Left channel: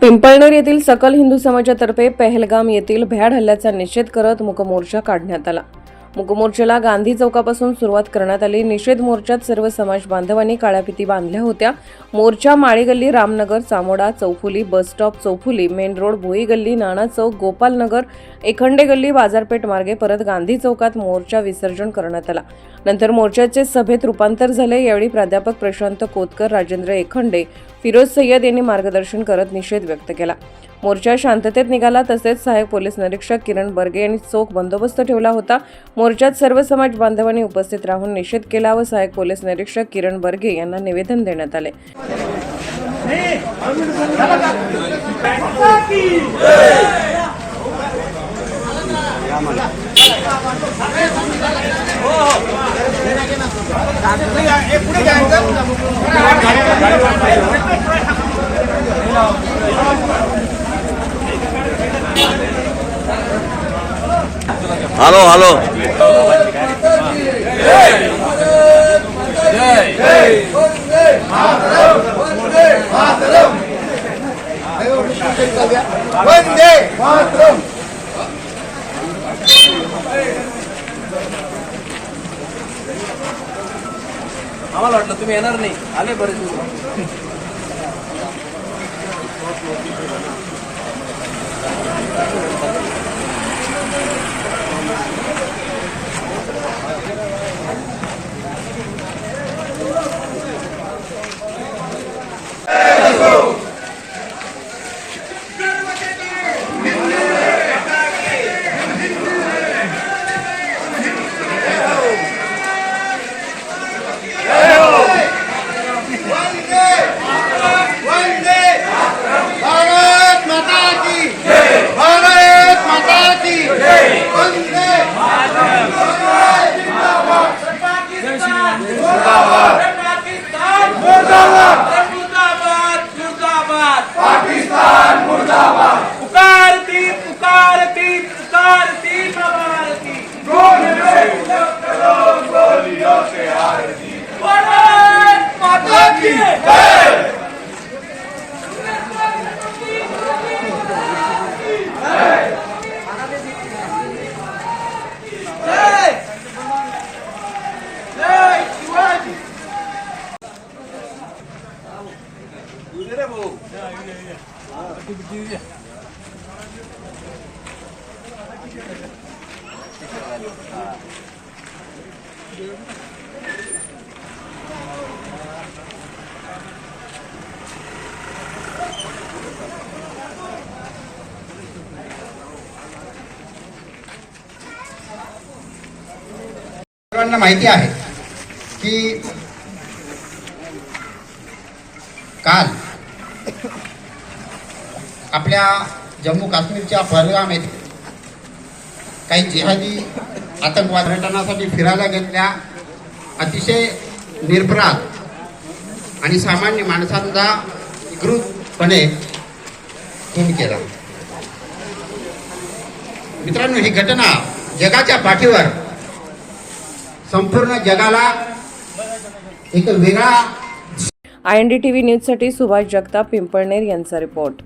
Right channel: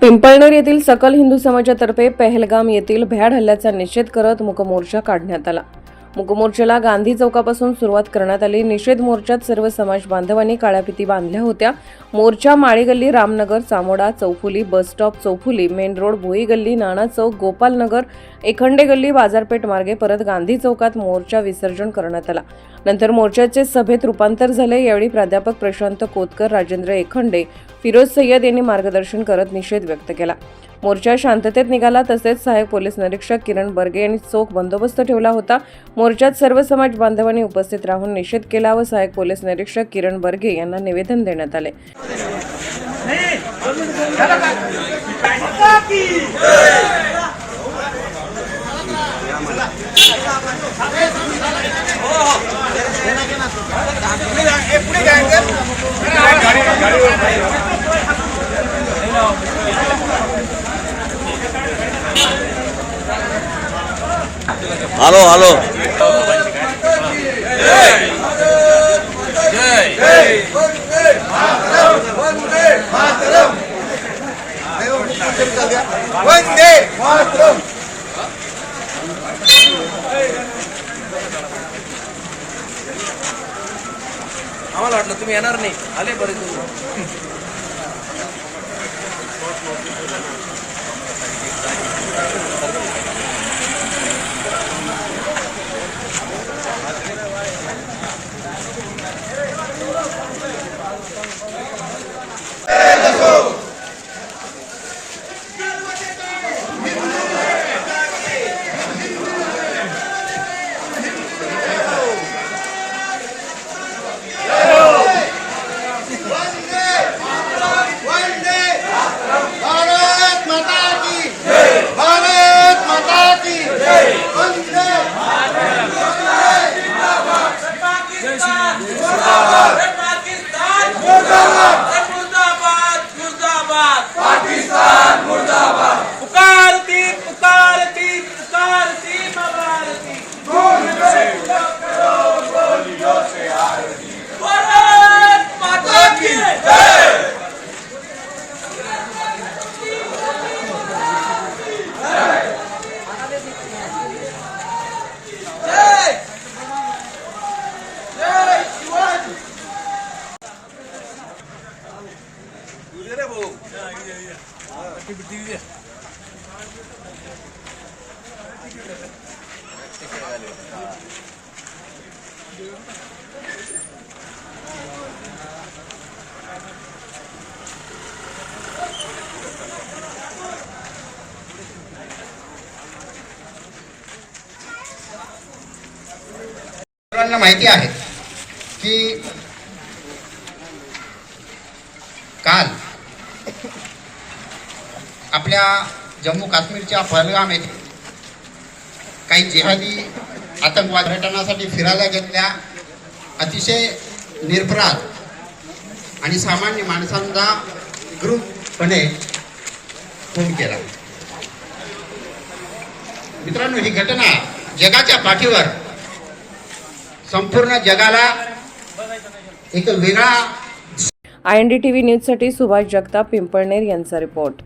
पिंपळनेर येथील सकल हिंदू समाजातर्फे पहलगाम येथील भ्याड हल्ल्याचा निषेध करत मुकमोर्चा काढण्यात आला. मुकमोर्चाला गांधी चौकापासून सुरुवात करण्यात आली. निषेध मोर्चात सर्व समाज बांधवांनी काळ्या फिती बांधल्या होत्या. मोर्चा माळीगल्ली रामनगर चामोडा चौफुली बस स्टॉप चौफुली मेन रोड भोई गल्ली नाणा चौक गोपालनगर एखंडे गल्ली बाजारपेठ मार्गे परत गांधी चौकात मोर्चा विसर्जन करण्यात आला. नंतर मोर्चाचे सभेत रूपांतर झाले. यावेळी प्राध्यापक प्रशांत कोतकर राजेंद्र एखंडे फिरोज सय्यद यांनी मार्गदर्शन करत निषेध व्यक्त केला. मोर्चा शांततेत निघाला तसेच सहाय्यक पोलीस निरीक्षक किरण बर्गे यांनी चोख बंदोबस्त ठेवला होता. मोर्चात सर्व समाज बांधवांनी उपस्थित राहून निषेध केला व सहाय्यक पोलीस निरीक्षक किरण बर्गे यांना निवेदन देण्यात आले. हॅलो हॅलो आम्हाला वाटलं तुम्ही येणार नाही. आले बरेच मुर्दाबाद पाकिस्तान मुर्दाबाद सर्वांना माहिती आहे की काल आपल्या जम्मू काश्मीरच्या पहलगाम येथे काही जिहादी आतंकवाद पर्यटनासाठी फिरायला गेलेल्या अतिशय निर्भरात आणि सामान्य माणसांचा ग्रुपपणे खून केला. मित्रांनो ही घटना जगाच्या पाठीवर संपूर्ण जगाला एक वेगळा I N D T V न्यूजसाठी सुभाष जगताप पिंपळनेर यांचा रिपोर्ट.